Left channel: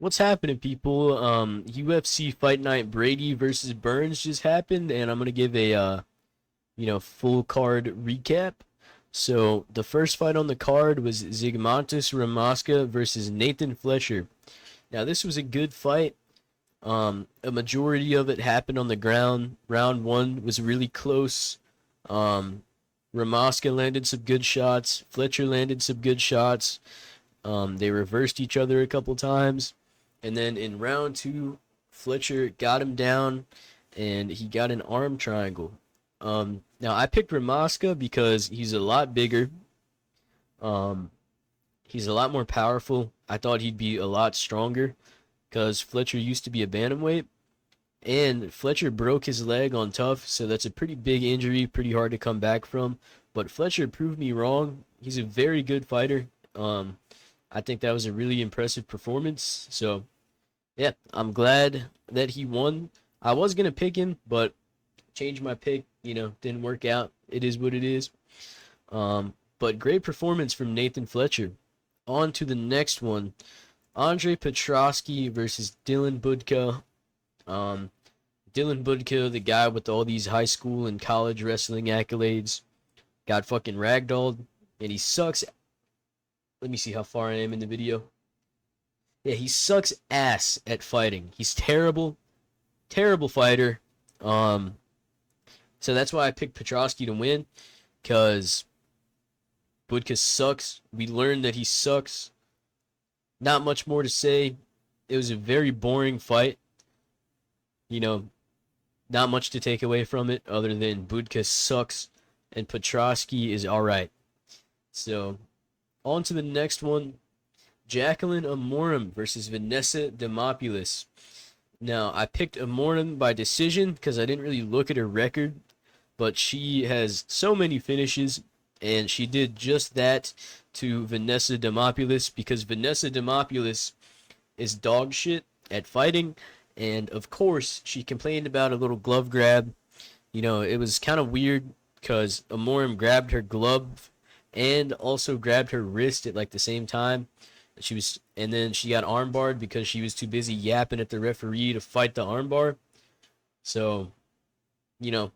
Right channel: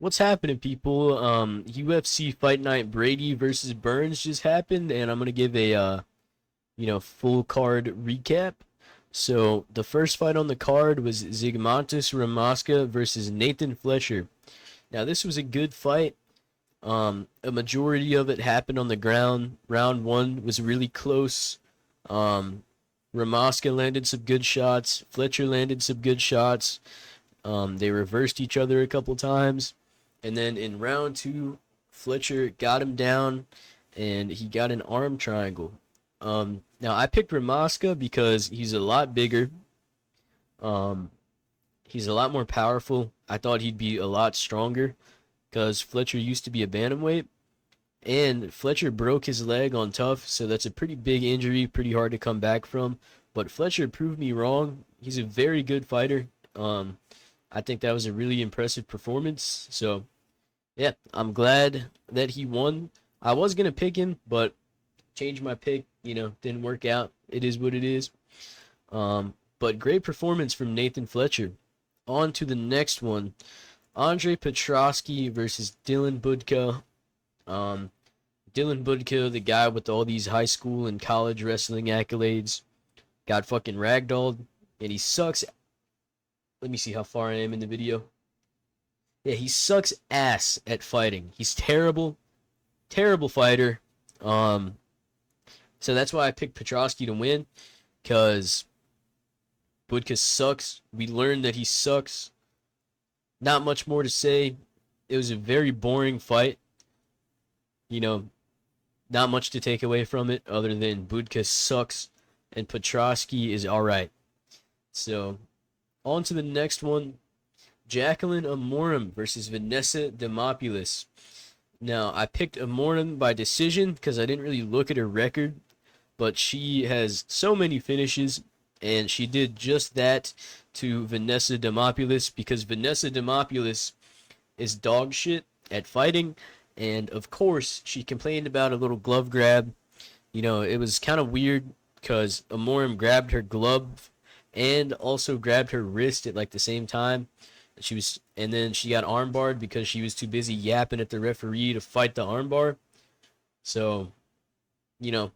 What's happening, people? UFC Fight Night Brady versus Burns just happened, and I'm gonna give a full card recap. So the first fight on the card was Zygmontis Ramaska versus Nathan Fletcher. Now this was a good fight. A majority of it happened on the ground. Round one was really close. Um, Ramaska landed some good shots. Fletcher landed some good shots. They reversed each other a couple times. And then in round two, Fletcher got him down and he got an arm triangle. Now I picked Ramaska because he's a lot bigger. Um, he's a lot more powerful. I thought he'd be a lot stronger because Fletcher used to be a bantamweight. And Fletcher broke his leg on Tough, so that's a pretty big injury, pretty hard to come back from. But Fletcher proved me wrong. He's a very good fighter. I think that was a really impressive performance. So yeah, I'm glad that he won. I was gonna pick him, but changed my pick. Didn't work out. It is what it is. But great performance from Nathan Fletcher. On to the next one. Andre Petrosky versus Dylan Budka. Um, Dylan Budka, the guy with all these high school and college wrestling accolades, got fucking ragdolled, and he sucks. Let me see how far I am in the video. Yeah, he sucks ass at fighting. He's terrible, terrible fighter. Um, so that's why I picked Petrosky to win, because Budka sucks. We learned that he sucks. Not much more to say. It was a very boring fight. You know, not much to take away from it other than Budka sucks and Petrosky is alright. So, on to the next one. Jacqueline Amorim versus Vanessa Demopoulos. Now, I picked Amorim by decision because I didn't really look at her record, but she has so many finishes, and she did just that to Vanessa Demopoulos because Vanessa Demopoulos is dog shit at fighting, and of course, she complained about a little glove grab. It was kind of weird because Amorim grabbed her glove and also grabbed her wrist at like the same time. And then she got armbarred because she was too busy yapping at the referee to fight the armbar. So, you know,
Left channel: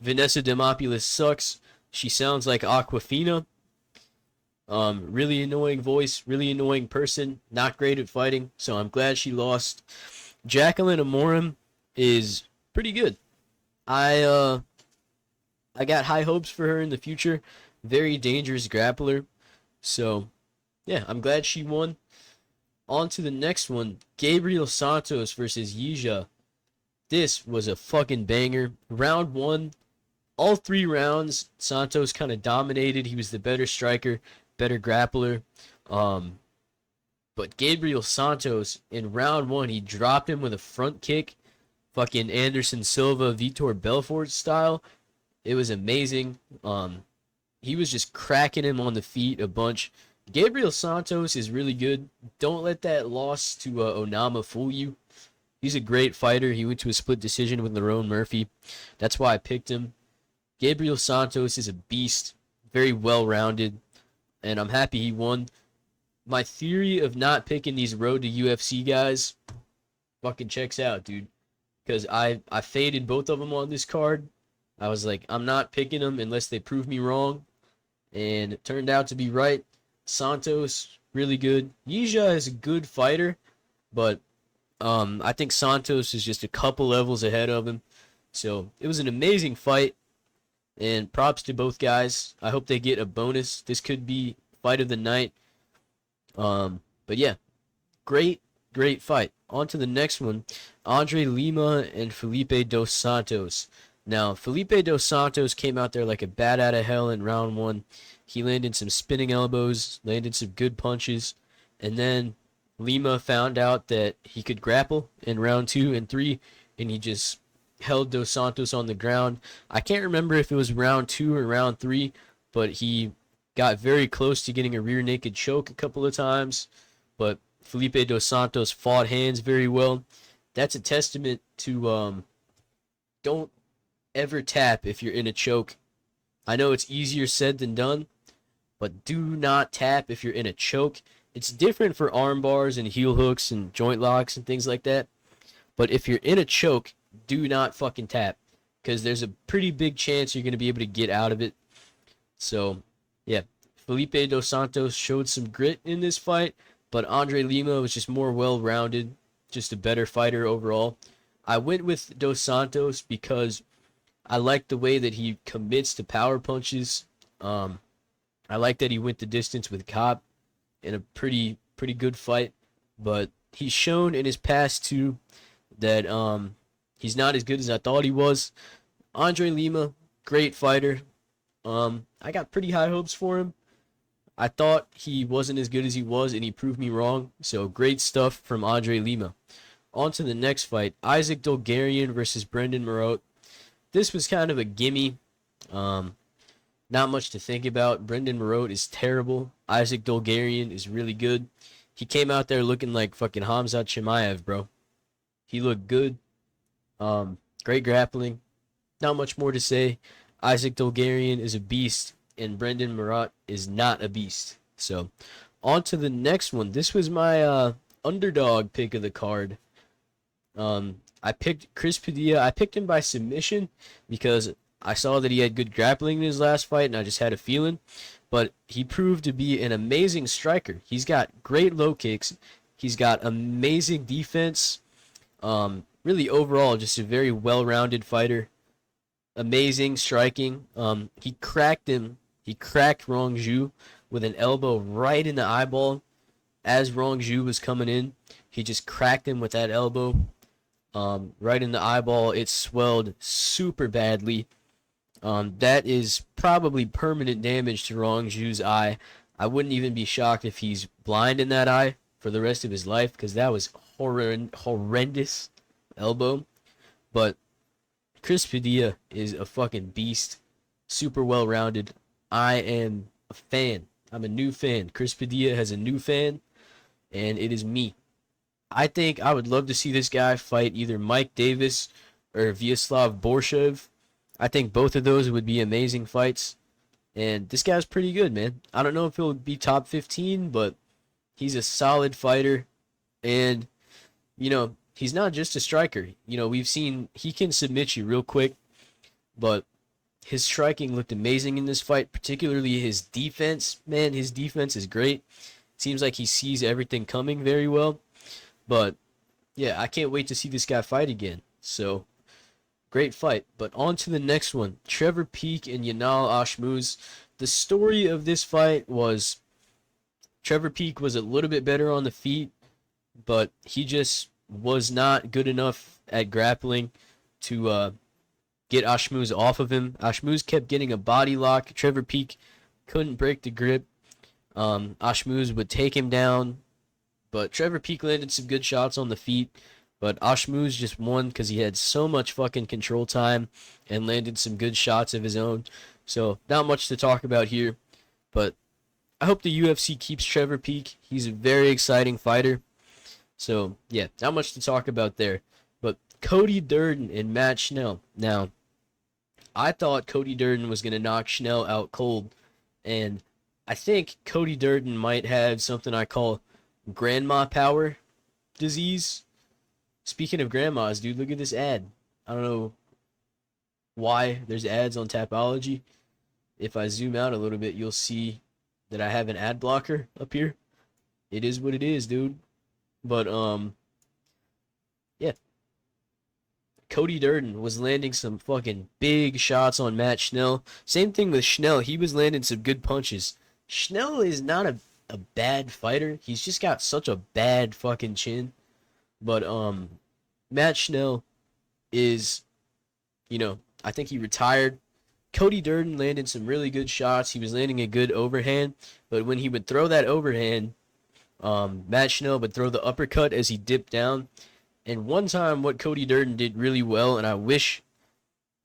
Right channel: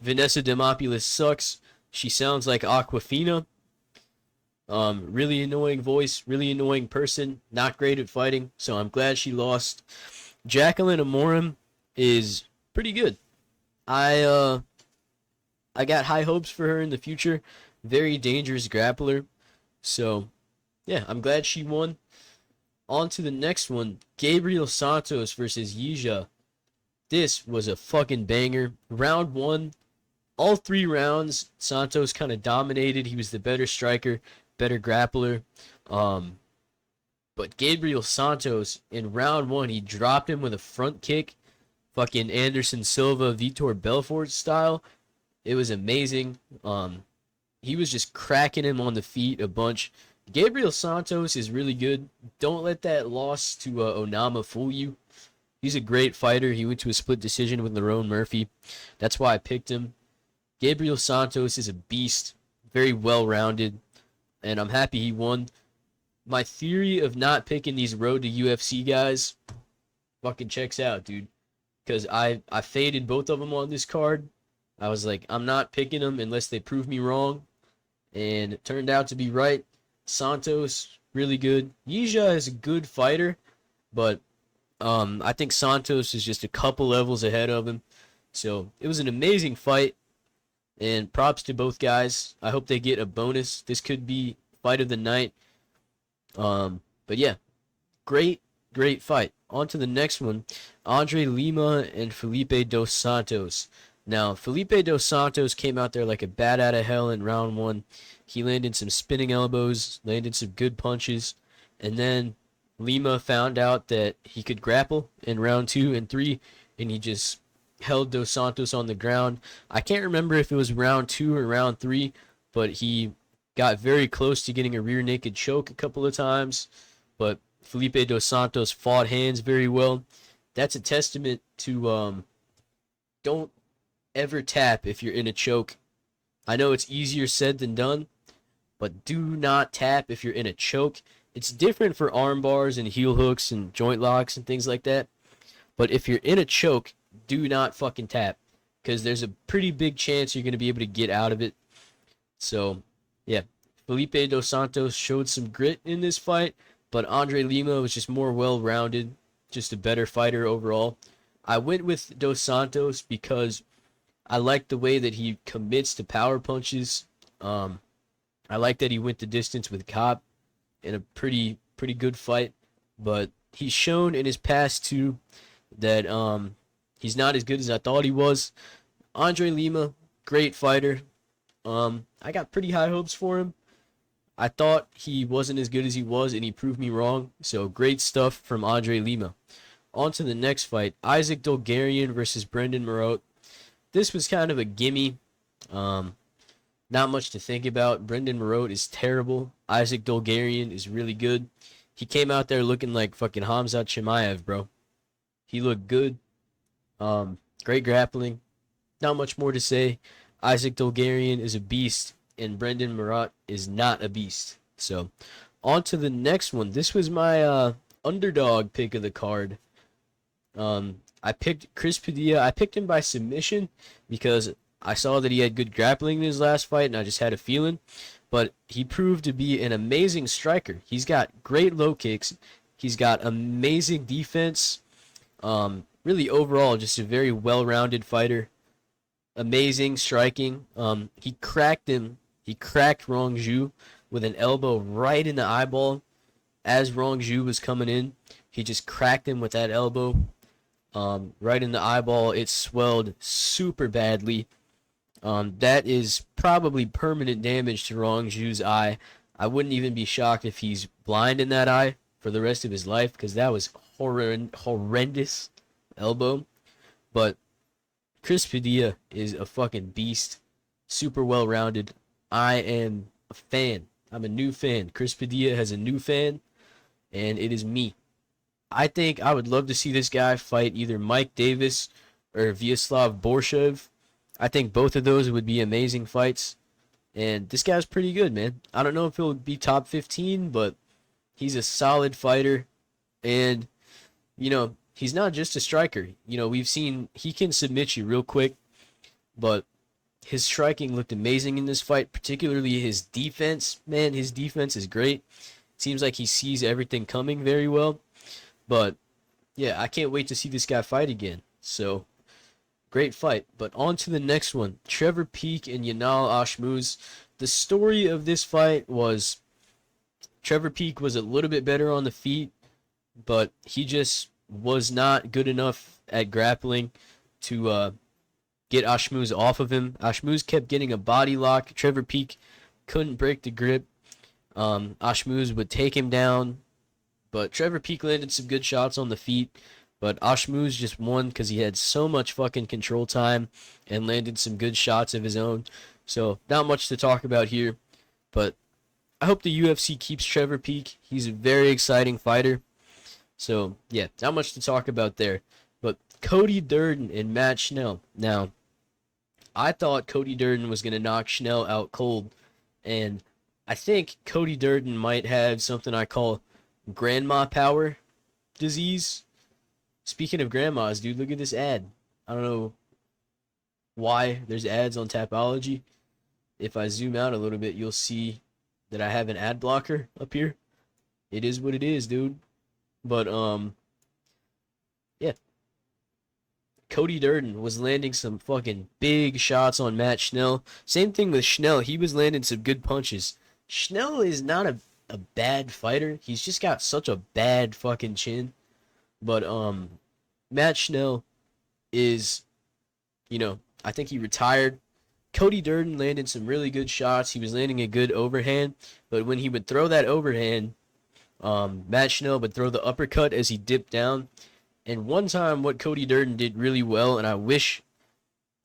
Vanessa Demopoulos sucks. She sounds like Aquafina. Really annoying voice, really annoying person, not great at fighting. So I'm glad she lost. Jacqueline Amorim is pretty good. I got high hopes for her in the future. Very dangerous grappler. So yeah, I'm glad she won. On to the next one. Gabriel Santos versus Yija. This was a fucking banger. Round one, all three rounds, Santos kind of dominated. He was the better striker, better grappler. Um, but Gabriel Santos, in round one, he dropped him with a front kick. Fucking Anderson Silva, Vitor Belfort style. It was amazing. He was just cracking him on the feet a bunch. Gabriel Santos is really good. Don't let that loss to Onama fool you. He's a great fighter. He went to a split decision with Lerone Murphy. That's why I picked him. Gabriel Santos is a beast. Very well-rounded. And I'm happy he won. My theory of not picking these road to UFC guys fucking checks out, dude. Because I faded both of them on this card. I was like, I'm not picking them unless they prove me wrong. And it turned out to be right. Santos, really good. Yija is a good fighter, but I think Santos is just a couple levels ahead of him. So it was an amazing fight, and props to both guys. I hope they get a bonus. This could be fight of the night. But yeah, great, great fight. On to the next one. Andre Lima and Felipe Dos Santos. Now, Felipe Dos Santos came out there like a bat out of hell in round one. He landed some spinning elbows, landed some good punches, and then Lima found out that he could grapple in round two and three, and he just held Dos Santos on the ground. I can't remember if it was round two or round three, but he got very close to getting a rear naked choke a couple of times. But Felipe Dos Santos fought hands very well. That's a testament to don't ever tap if you're in a choke. I know it's easier said than done, but do not tap if you're in a choke. it's different for arm bars and heel hooks and joint locks and things like that. But if you're in a choke, do not fucking tap, because there's a pretty big chance you're going to be able to get out of it. So, yeah, Felipe Dos Santos showed some grit in this fight, but Andre Lima was just more well rounded, just a better fighter overall. I went with Dos Santos because I like the way that he commits to power punches. Um, I like that he went the distance with Cobb in a pretty good fight, but he's shown in his past too that he's not as good as I thought he was. Andre Lima, great fighter. I got pretty high hopes for him. I thought he wasn't as good as he was, and he proved me wrong. So great stuff from Andre Lima. On to the next fight, Isaac Dolgarian versus Brendan Marotte. This was kind of a gimme. Um, Not much to think about. Brendan Marotte is terrible. Isaac Dolgarian is really good. He came out there looking like fucking Hamzat Chimaev, bro. He looked good. Great grappling. Not much more to say. Isaac Dolgarian is a beast, and Brendan Marotte is not a beast. So, on to the next one. This was my underdog pick of the card. I picked Chris Padilla. I picked him by submission because I saw that he had good grappling in his last fight, and I just had a feeling. But he proved to be an amazing striker. He's got great low kicks. He's got amazing defense. Really overall, just a very well-rounded fighter. Amazing striking. He cracked him. He cracked Rong Zhu with an elbow right in the eyeball as Rong Zhu was coming in. He just cracked him with that elbow right in the eyeball. It swelled super badly. That is probably permanent damage to Rong Zhu's eye. I wouldn't even be shocked if he's blind in that eye for the rest of his life, because that was horrendous elbow. But Chris Padilla is a fucking beast. Super well rounded. I am a fan. I'm a new fan. Chris Padilla has a new fan, and it is me. I think I would love to see this guy fight either Mike Davis or Vyacheslav Borshev. I think both of those would be amazing fights. And this guy's pretty good, man. I don't know if he'll be top 15, but he's a solid fighter. And, he's not just a striker. We've seen he can submit you real quick, but his striking looked amazing in this fight, particularly his defense. Man, his defense is great. Seems like he sees everything coming very well. But, yeah, I can't wait to see this guy fight again. So, great fight. But on to the next one. Trevor Peek and Yanal Ashmuz. The story of this fight was Trevor Peek was a little bit better on the feet, but he just was not good enough at grappling to get Ashmuz off of him. Ashmuz kept getting a body lock. Trevor Peek couldn't break the grip. Ashmuz would take him down, but Trevor Peek landed some good shots on the feet. But Ashmuz just won because he had so much fucking control time and landed some good shots of his own. So, not much to talk about here. But I hope the UFC keeps Trevor Peek. He's a very exciting fighter. So, yeah, not much to talk about there. But Cody Durden and Matt Schnell. Now, I thought Cody Durden was going to knock Schnell out cold. And I think Cody Durden might have something I call grandma power disease. Speaking of grandmas, dude, look at this ad. I don't know why there's ads on Tapology. If I zoom out a little bit, you'll see that I have an ad blocker up here. It is what it is, dude. But, yeah. Cody Durden was landing some fucking big shots on Matt Schnell. Same thing with Schnell. He was landing some good punches. Schnell is not a bad fighter. He's just got such a bad fucking chin. But, Matt Schnell is, I think he retired. Cody Durden landed some really good shots. He was landing a good overhand. But when he would throw that overhand, Matt Schnell would throw the uppercut as he dipped down. And one time what Cody Durden did really well, and I wish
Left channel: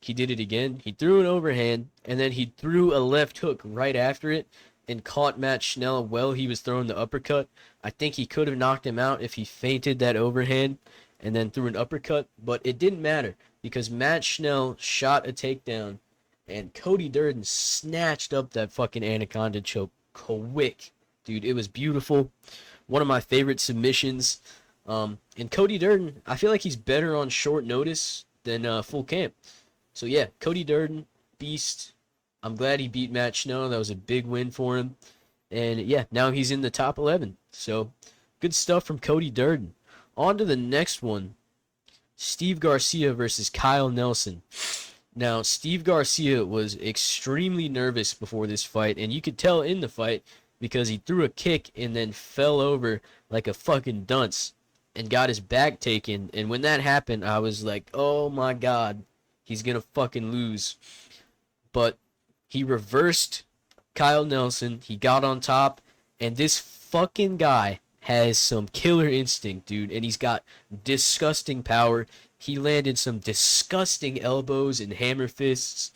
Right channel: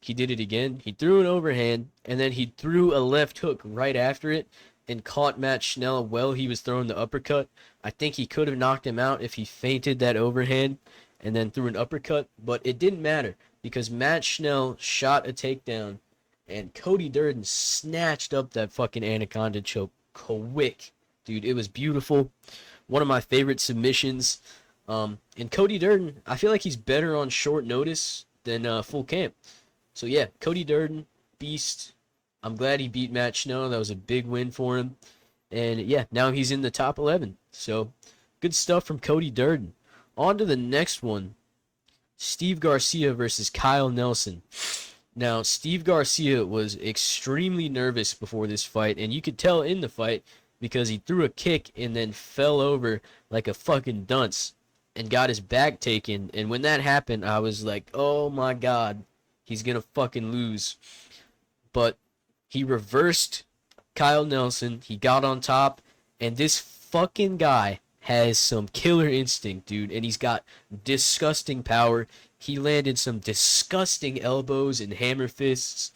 he did it again, he threw an overhand, and then he threw a left hook right after it and caught Matt Schnell while he was throwing the uppercut. I think he could have knocked him out if he feinted that overhand and then threw an uppercut, but it didn't matter because Matt Schnell shot a takedown and Cody Durden snatched up that fucking anaconda choke quick. dude. It was beautiful. One of my favorite submissions. And Cody Durden, I feel like he's better on short notice than full camp. So yeah, Cody Durden, beast. I'm glad he beat Matt Snow. That was a big win for him. And yeah, now he's in the top 11. So good stuff from Cody Durden. On to the next one. Steve Garcia versus Kyle Nelson. Now, Steve Garcia was extremely nervous before this fight, and you could tell in the fight because he threw a kick and then fell over like a fucking dunce and got his back taken. And when that happened, I was like, oh my god, he's gonna fucking lose. But he reversed Kyle Nelson, he got on top, and this fucking guy has some killer instinct, dude, and he's got disgusting power. He landed some disgusting elbows and hammer fists.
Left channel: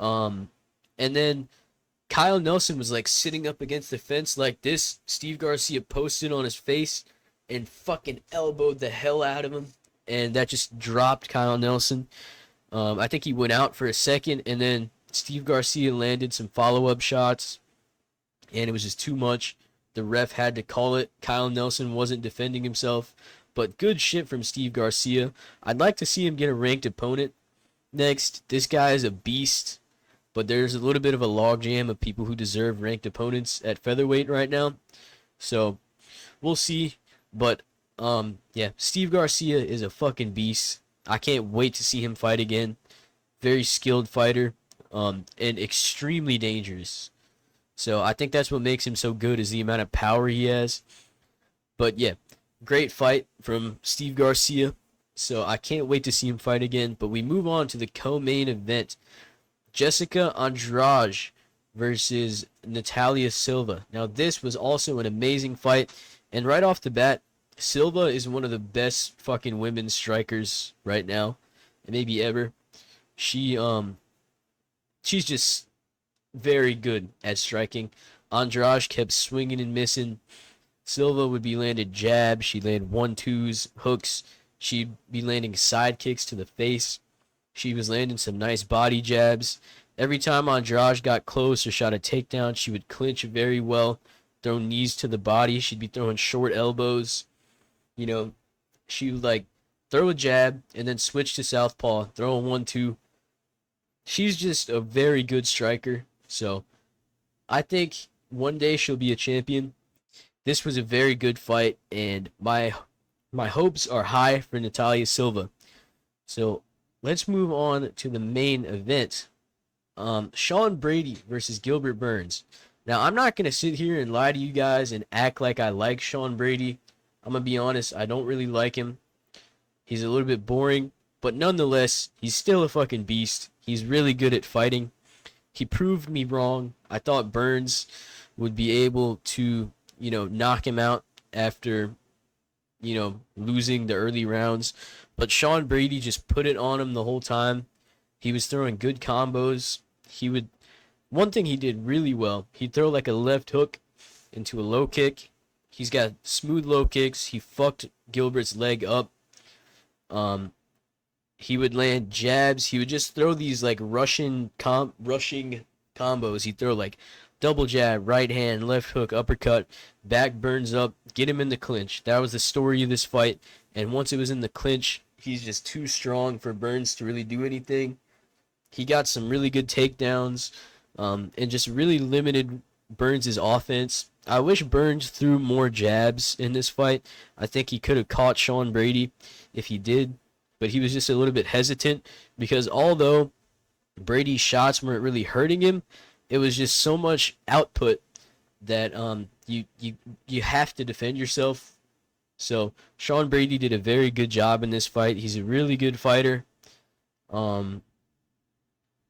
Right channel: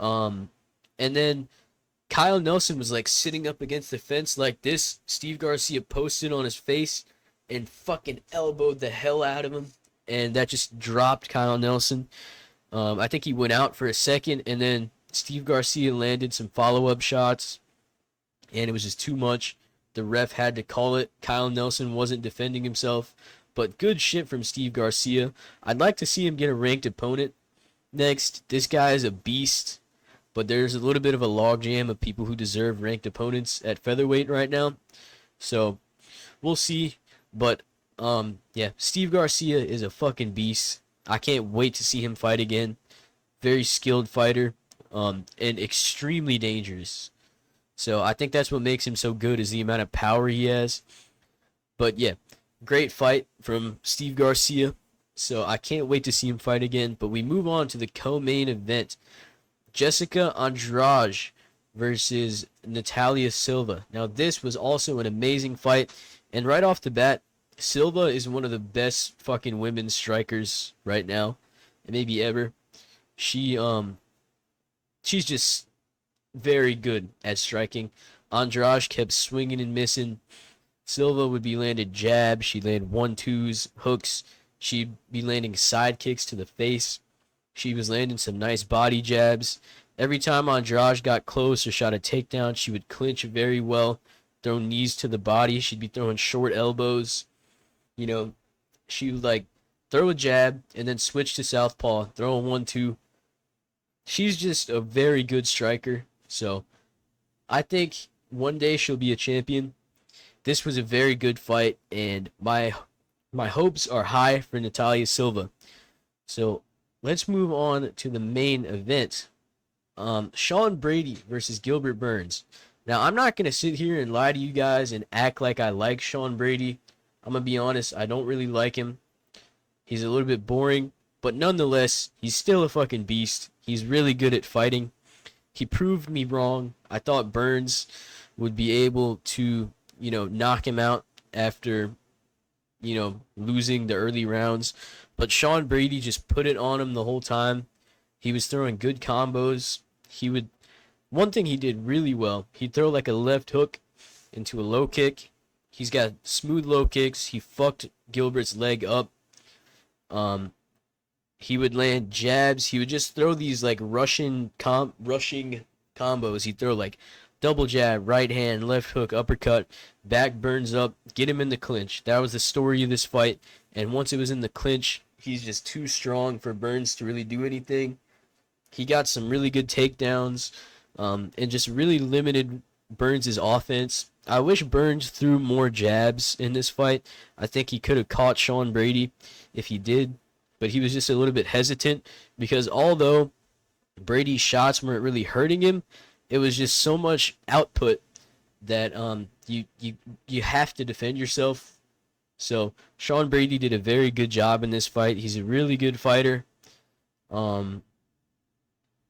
And then Kyle Nelson was like sitting up against the fence like this. Steve Garcia posted on his face and fucking elbowed the hell out of him. And that just dropped Kyle Nelson. I think he went out for a second, and then Steve Garcia landed some follow-up shots, and it was just too much. The ref had to call it. Kyle Nelson wasn't defending himself. But good shit from Steve Garcia. I'd like to see him get a ranked opponent next. This guy is a beast. But there's a little bit of a logjam of people who deserve ranked opponents at featherweight right now. So, we'll see. But, yeah, Steve Garcia is a fucking beast. I can't wait to see him fight again. Very skilled fighter. And extremely dangerous. So I think that's what makes him so good is the amount of power he has. But yeah, great fight from Steve Garcia. So I can't wait to see him fight again. But we move on to the co-main event. Jessica Andrade versus Natalia Silva. Now this was also an amazing fight. And right off the bat, Silva is one of the best fucking women's strikers right now. And maybe ever. She's just very good at striking. Andrade kept swinging and missing. Silva would be landing jabs. She'd land 1-2s, hooks. She'd be landing side kicks to the face. She was landing some nice body jabs. Every time Andrade got close or shot a takedown, she would clinch very well, throw knees to the body. She'd be throwing short elbows. You know, she would like throw a jab and then switch to southpaw, throw a 1-2. She's just a very good striker. So, I think one day she'll be a champion. This was a very good fight, and my hopes are high for Natalia Silva. So, let's move on to the main event. Sean Brady versus Gilbert Burns. Now, I'm not going to sit here and lie to you guys and act like I like Sean Brady. I'm going to be honest, I don't really like him. He's a little bit boring, but nonetheless, he's still a fucking beast. He's really good at fighting. He proved me wrong. I thought Burns would be able to, knock him out after, losing the early rounds. But Sean Brady just put it on him the whole time. He was throwing good combos. One thing he did really well, he'd throw like a left hook into a low kick. He's got smooth low kicks. He fucked Gilbert's leg up. He would land jabs. He would just throw these like rushing combos. He'd throw like double jab, right hand, left hook, uppercut, back Burns up, get him in the clinch. That was the story of this fight. And once it was in the clinch, he's just too strong for Burns to really do anything. He got some really good takedowns, and just really limited Burns' offense. I wish Burns threw more jabs in this fight. I think he could have caught Sean Brady if he did. But he was just a little bit hesitant because although Brady's shots weren't really hurting him, it was just so much output that you have to defend yourself. So Sean Brady did a very good job in this fight. He's a really good fighter. I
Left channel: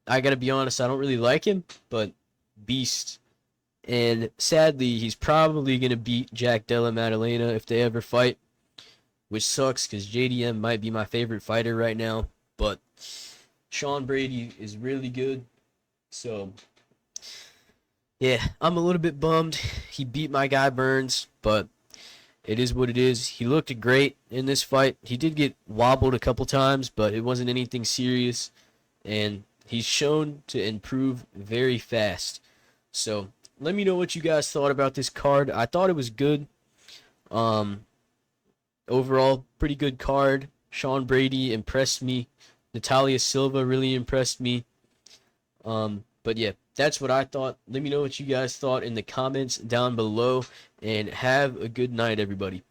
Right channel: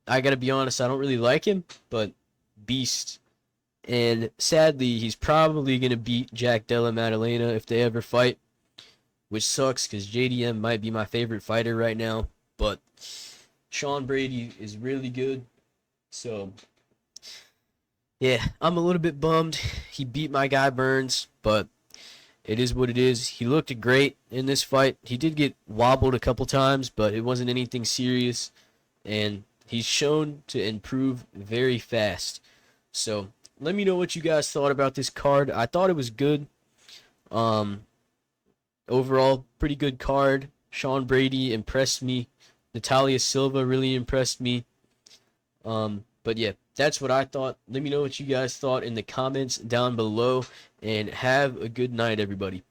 gotta be honest, I don't really like him, but beast. And sadly, he's probably gonna beat Jack Della Maddalena if they ever fight. Which sucks because JDM might be my favorite fighter right now. But Sean Brady is really good. So, yeah, I'm a little bit bummed. He beat my guy Burns. But it is what it is. He looked great in this fight. He did get wobbled a couple times. But it wasn't anything serious. And he's shown to improve very fast. So, let me know what you guys thought about this card. I thought it was good. Um, Overall, pretty good card. Sean Brady impressed me. Natalia Silva really impressed me. But yeah, that's what I thought. Let me know what you guys thought in the comments down below, and have a good night, everybody.